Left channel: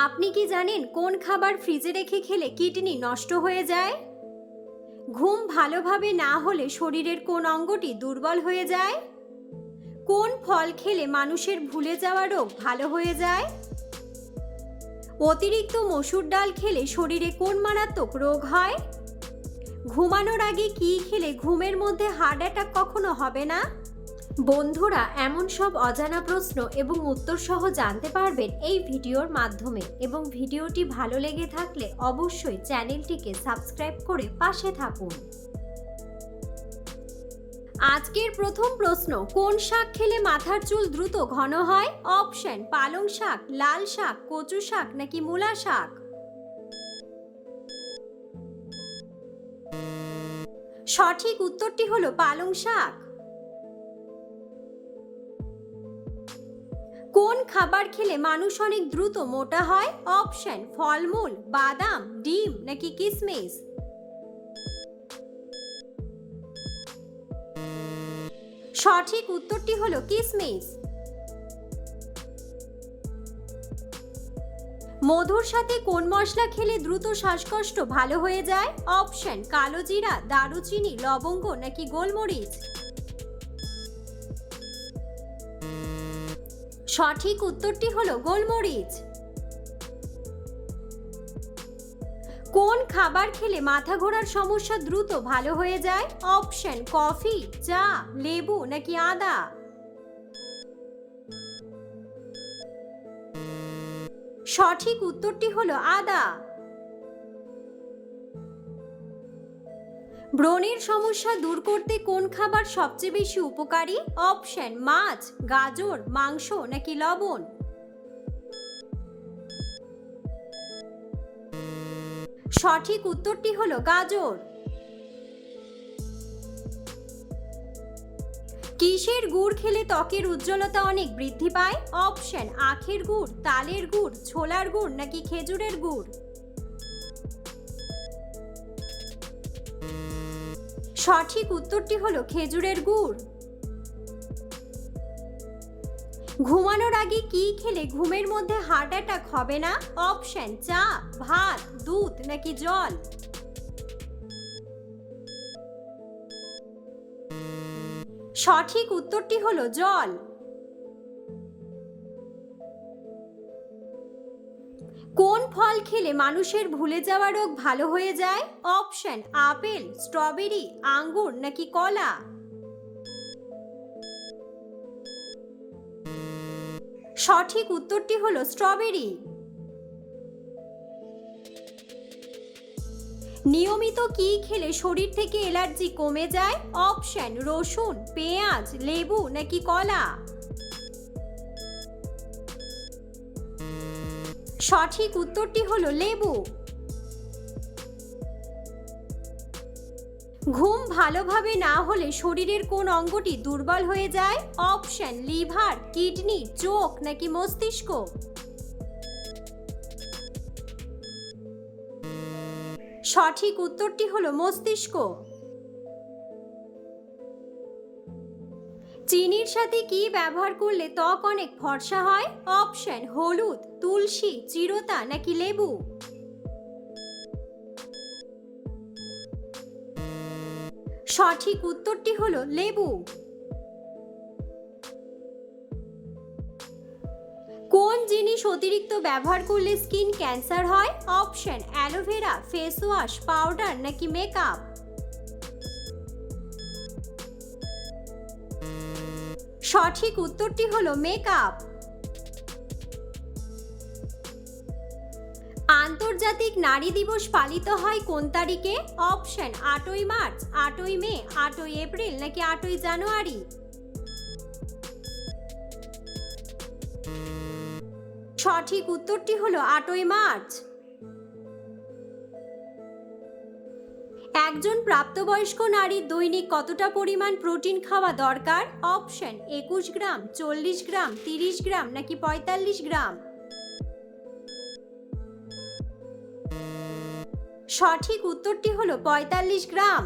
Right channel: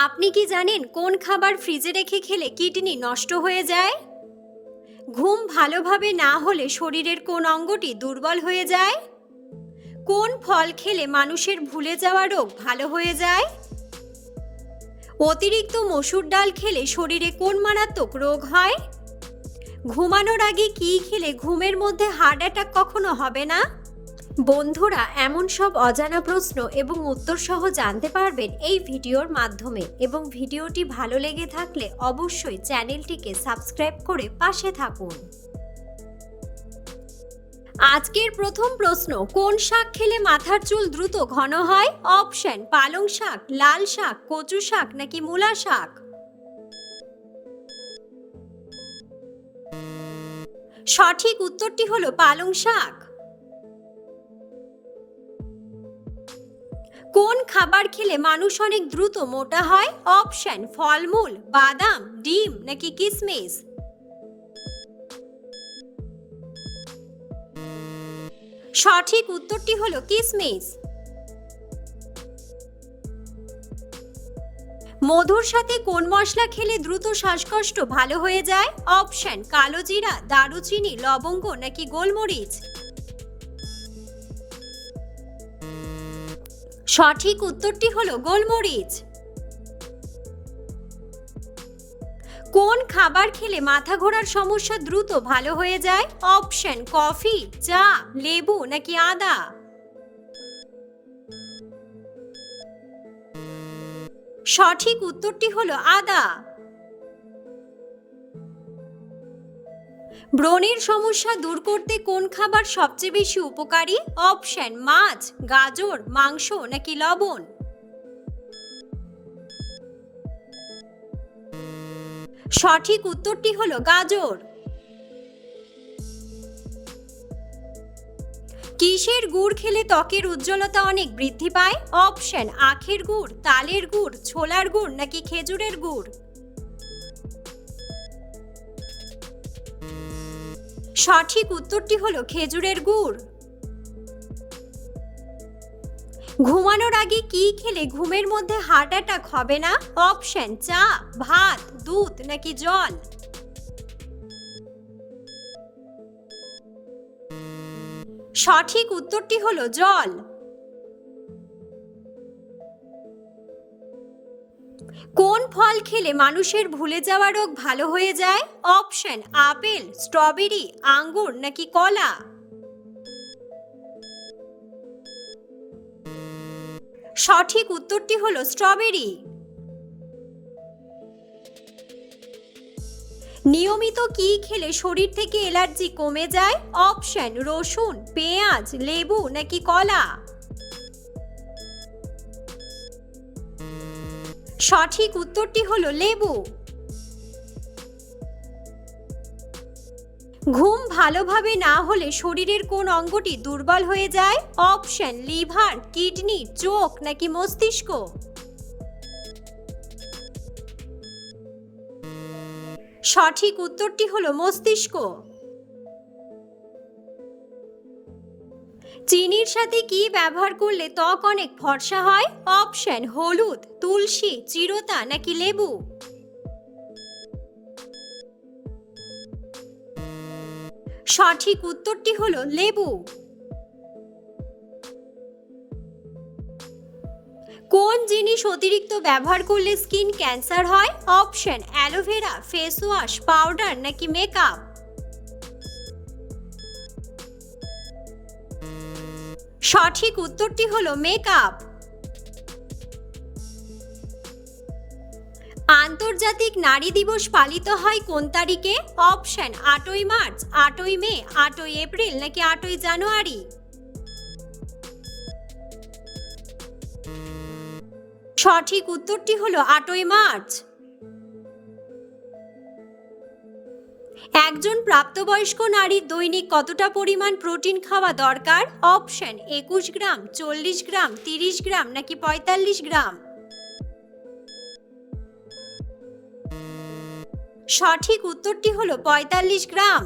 আপনি কি জানেন কোন খাবার ফ্রিজে রেখে খেলে কিডনি নষ্ট হয়ে যায়? ঘুম ভালোভাবে না হলে শরীরের কোন অঙ্গটি দুর্বল হয়ে যায়? কোন ফল খেলে মানুষের ভুলে যাওয়া রোগ ভালো হয়ে যায়? অতিরিক্ত মসুর ডাল খেলে শরীরে কোন মারাত্মক রোগ হয়? ঘুমানোর আগে কি খেলে ঘুমের মধ্যে হার্ট অ্যাটাক কখনো হবে না? বন্ধুরা, এমন সব অজানা প্রশ্ন এবং উত্তর সহ জানতে পারবেন এই ভিডিওর মাধ্যমে, এবং ভিডিওটি ভালো লেগে থাকলে অবশ্যই চ্যানেলটিকে সাবস্ক্রাইব করে পাশে থাকুন। আজকের প্রথম প্রশ্ন, কোন শাক খেলে মাথার চুল দ্রুত ঘন হয়? অপশন: পালং শাক, লাল শাক, কচু শাক নাকি মূলা শাক? সঠিক উত্তরটি হলো পালং শাক। কোন খাবার খেলে মানুষ অনেক দ্রুত মোটা হয়? অপশন: ফলমূল, বাদাম, ডিম নাকি কিশমিশ? সঠিক উত্তরটি হলো কিশমিশ। মধুর সাথে কোন মশলা খেলে দ্রুত শ্বাসকষ্ট ভালো হয়ে যায়? অপশন: কালো জিরা, দারুচিনি, লবঙ্গ নাকি গোলমরিচ? সঠিক উত্তরটি হলো গোলমরিচ। কোন খাবার খেলে মাথা ঘোরার সমস্যা দ্রুত ভালো হয়ে যায়? অপশন: কফি, চা, লেবু নাকি আদা? সঠিক উত্তরটি হলো আদা। ব্রণের সমস্যা দূর করতে কোন খাবার সবচেয়ে বেশি উপকারী? অপশন: মাছ, গাজর, মাংস নাকি লবণ? সঠিক উত্তরটি হলো গাজর। কিসের গুড় খেলে ত্বকের উজ্জ্বলতা অনেক বৃদ্ধি পায়? অপশন: আখের গুড়, তালের গুড়, ছোলার গুড় নাকি খেজুরের গুড়? সঠিক উত্তরটি হলো খেজুরের গুড়। ঘুমানোর আগে কি খেলে ঘুমের মধ্যে হার্ট অ্যাটাক হবে না? অপশন: চা, ভাত, দুধ নাকি জল? সঠিক উত্তরটি হলো জল। কোন ফল খেলে মানুষের ভুলে যাওয়া রোগ ভালো হয়ে যায়? অপশন: আপেল, স্ট্রবেরি, আঙ্গুর নাকি কলা? সঠিক উত্তরটি হলো স্ট্রবেরি। নিয়মিত কি খেলে শরীর থেকে অ্যালার্জি কমে যায়? অপশন: রসুন, পেঁয়াজ, লেবু নাকি কলা? সঠিক উত্তরটি হলো লেবু। ঘুম ভালোভাবে না হলে শরীরের কোন অঙ্গটি দুর্বল হয়ে যায়? অপশন: লিভার, কিডনি, চোখ নাকি মস্তিষ্ক? সঠিক উত্তরটি হলো মস্তিষ্ক। চিনির সাথে কি ব্যবহার করলে ত্বক অনেক ফর্সা হয়? অপশন: হলুদ, তুলসী, চিরতা নাকি লেবু? সঠিক উত্তরটি হলো লেবু। কোন জিনিস অতিরিক্ত ব্যবহার করলে স্কিন ক্যান্সার হয়? Option: aloe vera, face wash, powder নাকি মেকআপ? সঠিক উত্তরটি হলো মেকআপ। আন্তর্জাতিক নারী দিবস পালিত হয় কোন তারিখে? অপশন: 8ই মার্চ, 8ই মে, 8ই এপ্রিল নাকি 8ই জানুয়ারি? সঠিক উত্তরটি হলো 8ই মার্চ। একজন প্রাপ্তবয়স্ক নারীর দৈনিক কতটা পরিমাণ প্রোটিন খাওয়া দরকার? অপশন: 21 গ্রাম, 40 গ্রাম, 30 গ্রাম নাকি 45 গ্রাম? সঠিক উত্তরটি হলো 45 গ্রাম।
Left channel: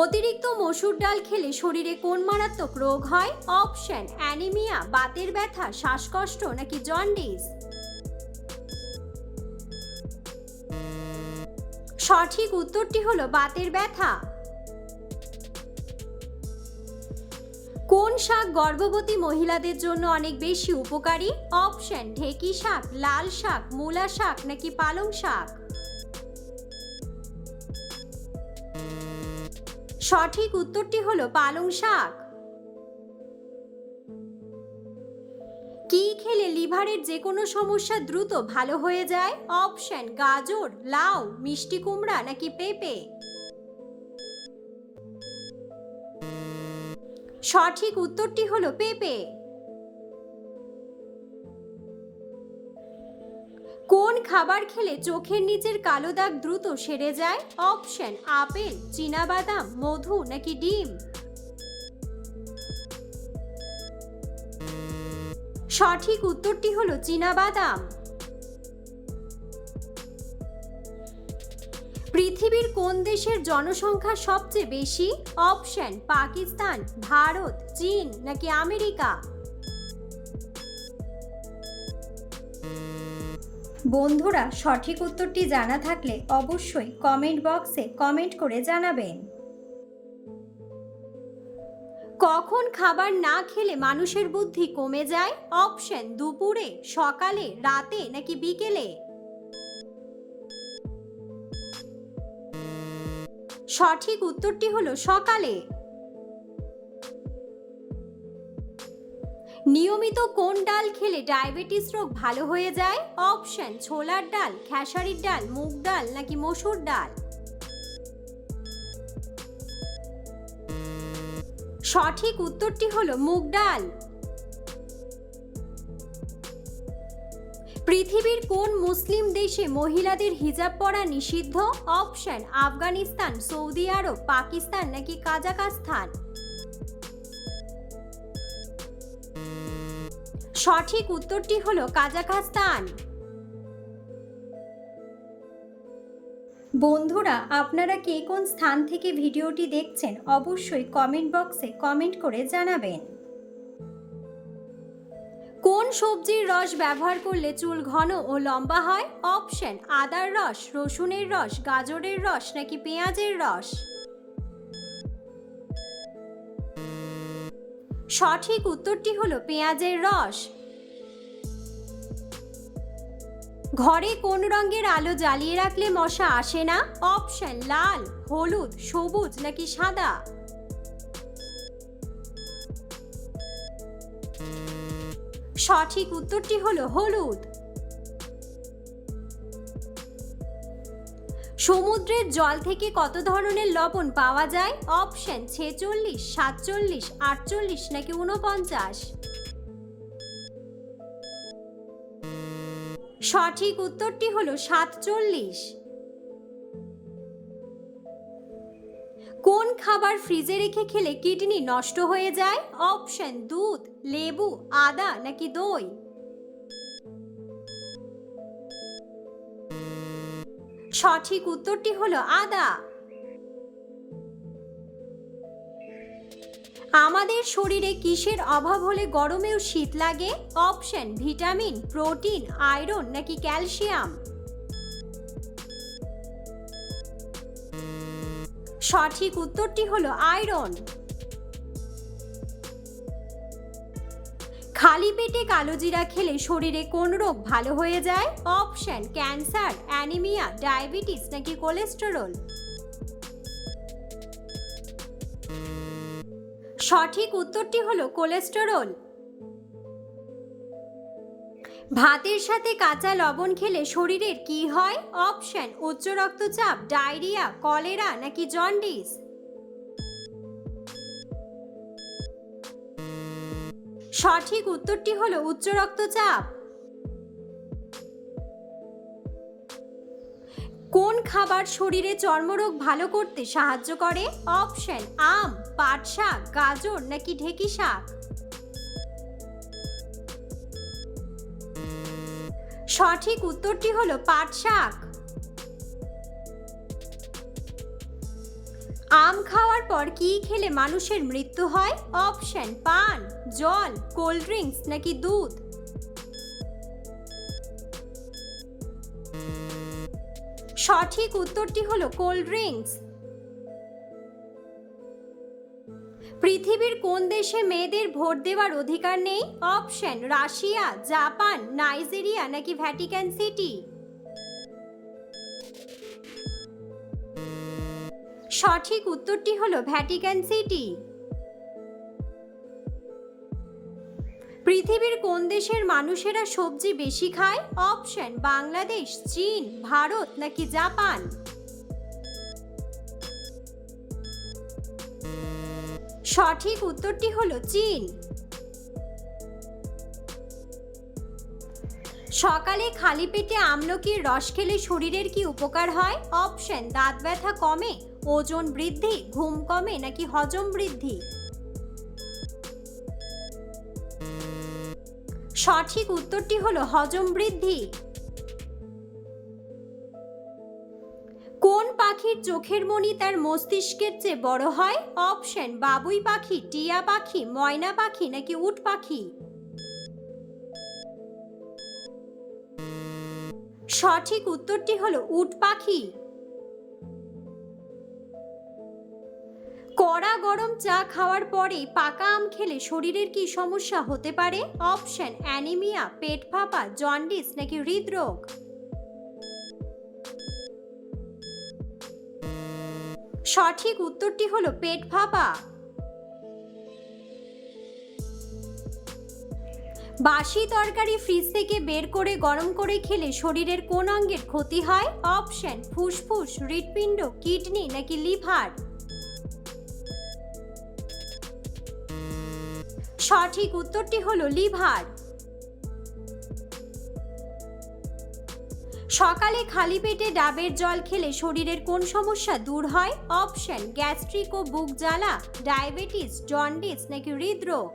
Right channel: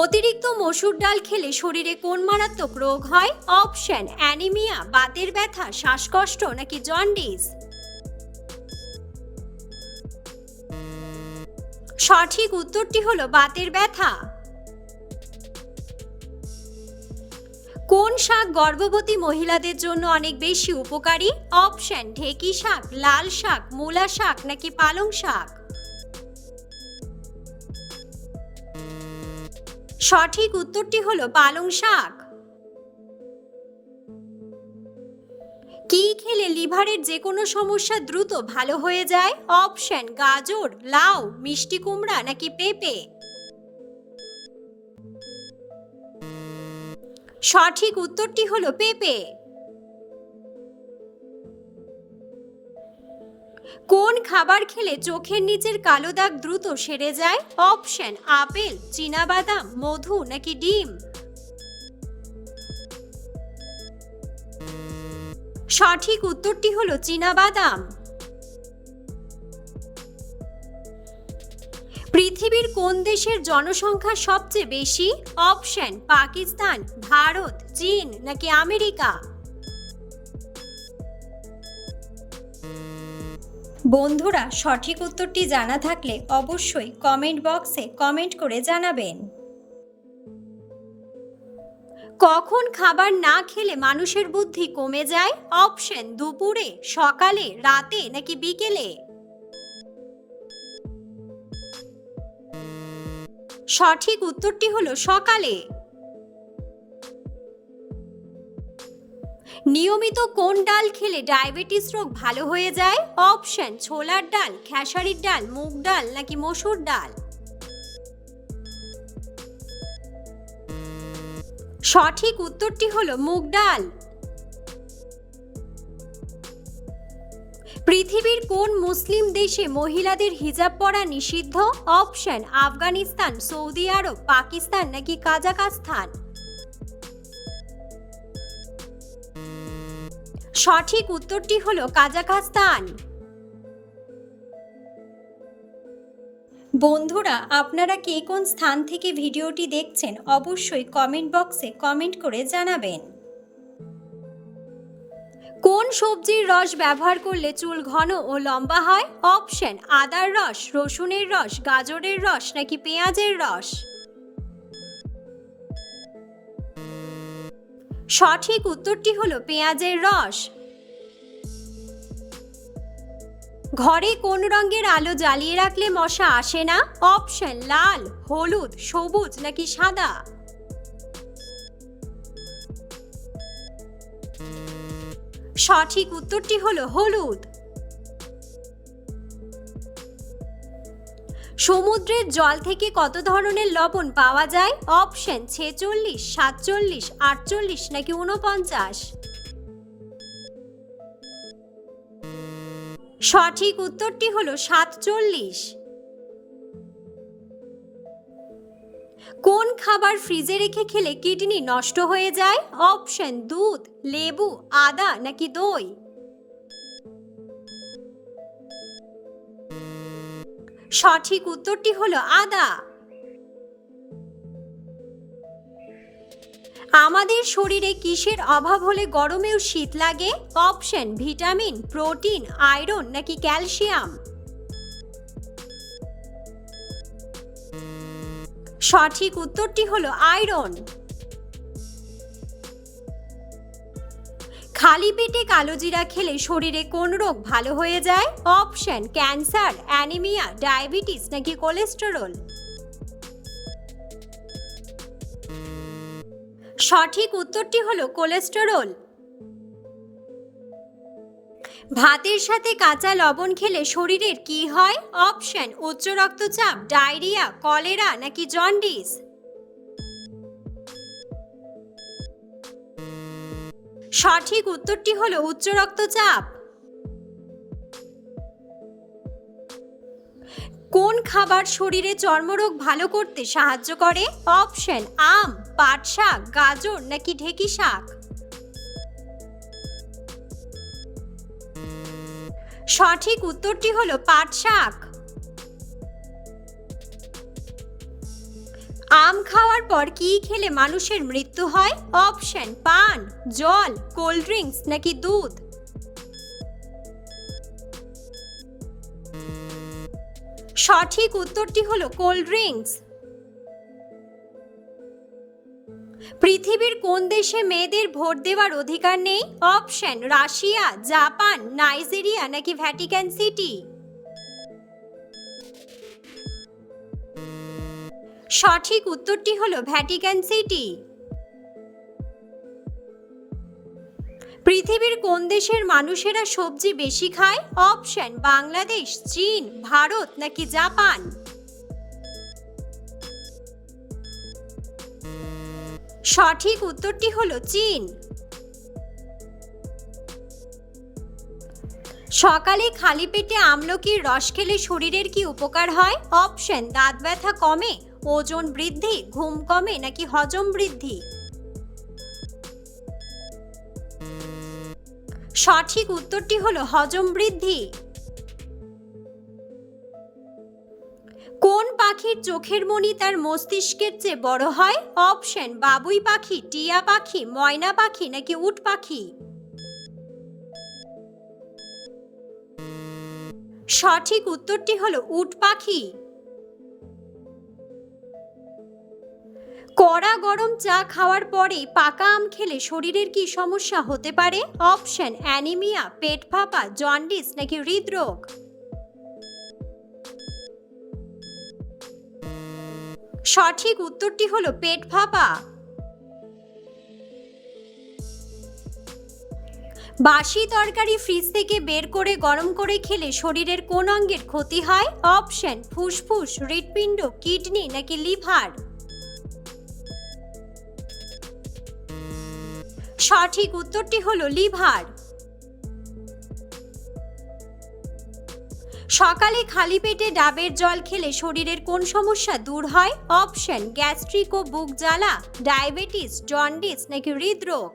অতিরিক্ত মসুর ডাল খেলে শরীরে কোন মারাত্মক রোগ হয়? অপশন: অ্যানিমিয়া, বাতের ব্যথা, শ্বাসকষ্ট নাকি জন্ডিস। সঠিক উত্তরটি হলো বাতের ব্যথা। কোন শাক গর্ভবতী মহিলাদের জন্য অনেক বেশি উপকারী? অপশন: ঢেঁকি শাক, লাল শাক, মূলা শাক নাকি পালং শাক। সঠিক উত্তরটি হলো পালং শাক। কি খেলে লিভারের যে কোনো সমস্যা দ্রুত ভালো হয়ে যায়? অপশন: গাজর, লাউ, মিষ্টি কুমড়া নাকি পেঁপে। সঠিক উত্তরটি হলো পেঁপে। কোন খাবার খেলে চোখের নিচের কালো দাগ দ্রুত সেরে যায়? অপশন: আপেল, চীনাবাদাম, মধু নাকি ডিম। সঠিক উত্তরটি হলো চীনাবাদাম। পৃথিবীর কোন দেশের জনসংখ্যা সবচেয়ে বেশি? অপশন: পাকিস্তান, ভারত, চীন নাকি আমেরিকা। বন্ধুরা, সঠিক উত্তরটি জানা থাকলে অবশ্যই কমেন্ট বক্সে কমেন্ট করে জানাবেন। কখন খাবার না খেলে মানুষের বুদ্ধি কমে যায়? অপশন: দুপুরে, সকালে, রাতে নাকি বিকেলে। সঠিক উত্তরটি হলো সকালে। নিয়মিত কোন ডাল খেলে ডায়াবেটিস রোগ ভালো হয়ে যায়? অপশন: ছোলার ডাল, খেসারির ডাল, মুগ ডাল নাকি মসুর ডাল। সঠিক উত্তরটি হলো মুগ ডাল। পৃথিবীর কোন মুসলিম দেশে মহিলাদের হিজাব পরা নিষিদ্ধ? অপশন: আফগানিস্তান, সৌদি আরব, পাকিস্তান নাকি কাজাখস্তান। সঠিক উত্তরটি হলো কাজাখস্তান। বন্ধুরা, আপনারা কে কোন স্থান থেকে ভিডিওটি দেখছেন অবশ্যই কমেন্ট বক্সে কমেন্ট করে জানাবেন। কোন সবজির রস ব্যবহার করলে চুল ঘন ও লম্বা হয়? অপশন: আদার রস, রসুনের রস, গাজরের রস নাকি পেঁয়াজের রস। সঠিক উত্তরটি হলো পেঁয়াজের রস। ঘরে কোন রঙের আলো জ্বালিয়ে রাখলে মশা আসে না? অপশন: লাল, হলুদ, সবুজ নাকি সাদা। সঠিক উত্তরটি হলো হলুদ। সমুদ্রের জল থেকে কত ধরনের লবণ পাওয়া যায়? অপশন: 46, 47, 48 নাকি 49। সঠিক উত্তরটি হলো 47। কোন খাবার ফ্রিজে রেখে খেলে কিডনি নষ্ট হয়ে যায়? অপশন: দুধ, লেবু, আদা নাকি দই। সঠিক উত্তরটি হলো আদা। আমাদের শরীরে কিসের অভাব হলে গরমেও শীত লাগে? অপশন: ভিটামিন, প্রোটিন, আয়রন নাকি ক্যালসিয়াম। সঠিক উত্তরটি হলো আয়রন। খালি পেটে কালোজিরা খেলে শরীরে কোন রোগ ভালো হয়ে যায়? অপশন: ক্যান্সার, অ্যানিমিয়া, ডায়াবেটিস নাকি কোলেস্টেরল। সঠিক উত্তরটি হলো কোলেস্টেরল। ভাতের সাথে কাঁচা লবণ খেলে শরীরের কি হয়? অপশন: উচ্চ রক্তচাপ, ডায়রিয়া, কলেরা নাকি জন্ডিস। সঠিক উত্তরটি হলো উচ্চ রক্তচাপ। কোন খাবার শরীরে চর্মরোগ ভালো করতে সাহায্য করে? অপশন: আম, পাট শাক, গাজর নাকি ঢেঁকি শাক। সঠিক উত্তরটি হলো পাট শাক। আম খাওয়ার পর কি খেলে মানুষের মৃত্যু হয়? অপশন পান, জল, কোল্ড ড্রিঙ্কস নাকি দুধ। সঠিক উত্তরটি হলো কোল্ড ড্রিঙ্কস। পৃথিবীর কোন দেশে মেয়েদের ভোট দেওয়ার অধিকার নেই? অপশন রাশিয়া, জাপান, নাইজেরিয়া নাকি ভ্যাটিকান সিটি। সঠিক উত্তরটি হলো ভ্যাটিকান সিটি। পৃথিবীর কোন দেশের মানুষেরা সবজি বেশি খায়? অপশন বাংলাদেশ, চীন, ভারত নাকি জাপান। সঠিক উত্তরটি হলো চীন। সকালে খালি পেটে আমলকির রস খেলে শরীরের কি উপকার হয়? অপশন দাঁত ব্যথা কমে, ওজন বৃদ্ধি, ঘুম কমে নাকি হজম বৃদ্ধি। সঠিক উত্তরটি হলো হজম বৃদ্ধি। কোন পাখির চোখের মণি তার মস্তিষ্কের চেয়ে বড় হয়? অপশন বাবুই পাখি, টিয়া পাখি, ময়না পাখি নাকি উট পাখি। সঠিক উত্তরটি হলো উট পাখি। কড়া গরম চা খাওয়ার পরে পাকা আম খেলে শরীরের কি সমস্যা হতে পারে? অপশন অ্যানিমিয়া, পেট ফাঁপা, জন্ডিস নাকি হৃদরোগ। সঠিক উত্তরটি হলো পেট ফাঁপা। বাসি তরকারি ফ্রিজ থেকে বের করে গরম করে খেলে শরীরের কোন অঙ্গের ক্ষতি হয়? অপশন ফুসফুস, হৃৎপিণ্ড, কিডনি নাকি লিভার। সঠিক উত্তরটি হলো লিভার। সকালে খালি পেটে ডাবের জল খেলে শরীরের কোন সমস্যা দূর হয়? অপশন গ্যাস্ট্রিক ও বুক জ্বালা, ডায়াবেটিস, জন্ডিস নাকি হৃদরোগ।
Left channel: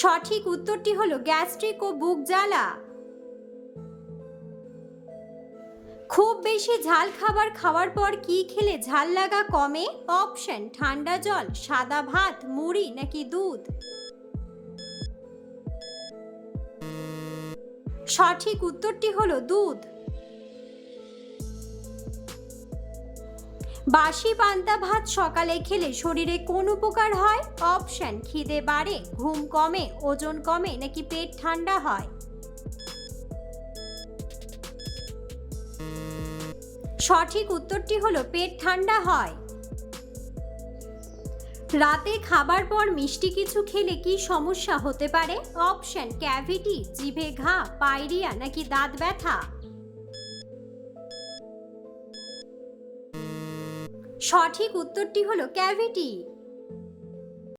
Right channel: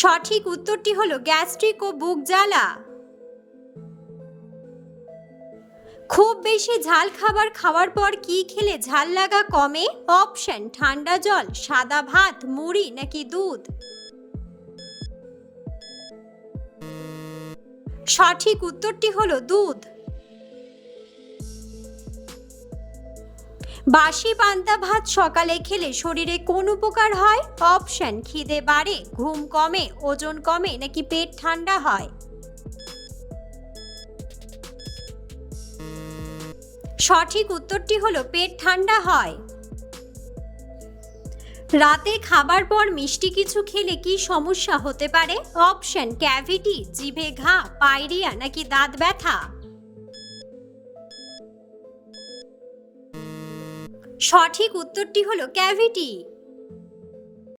সঠিক উত্তরটি হলো গ্যাস্ট্রিক ও বুক জ্বালা। খুব বেশি ঝাল খাবার খাওয়ার পর কি খেলে ঝাল লাগা কমে? অপশন ঠান্ডা জল, সাদা ভাত, মুড়ি নাকি দুধ। সঠিক উত্তরটি হলো দুধ। বাসি পান্তা ভাত সকালে খেলে শরীরে কোন উপকার হয়? অপশন খিদে বাড়ে, ঘুম কমে, ওজন কমে নাকি পেট ঠান্ডা হয়। সঠিক উত্তরটি হলো পেট ঠান্ডা হয়। রাতে খাবার পর মিষ্টি কিছু খেলে কি সমস্যা হতে পারে? অপশন ক্যাভিটি, জিভে ঘা, পায়রিয়া নাকি দাঁত ব্যথা। সঠিক উত্তরটি হলো ক্যাভিটি।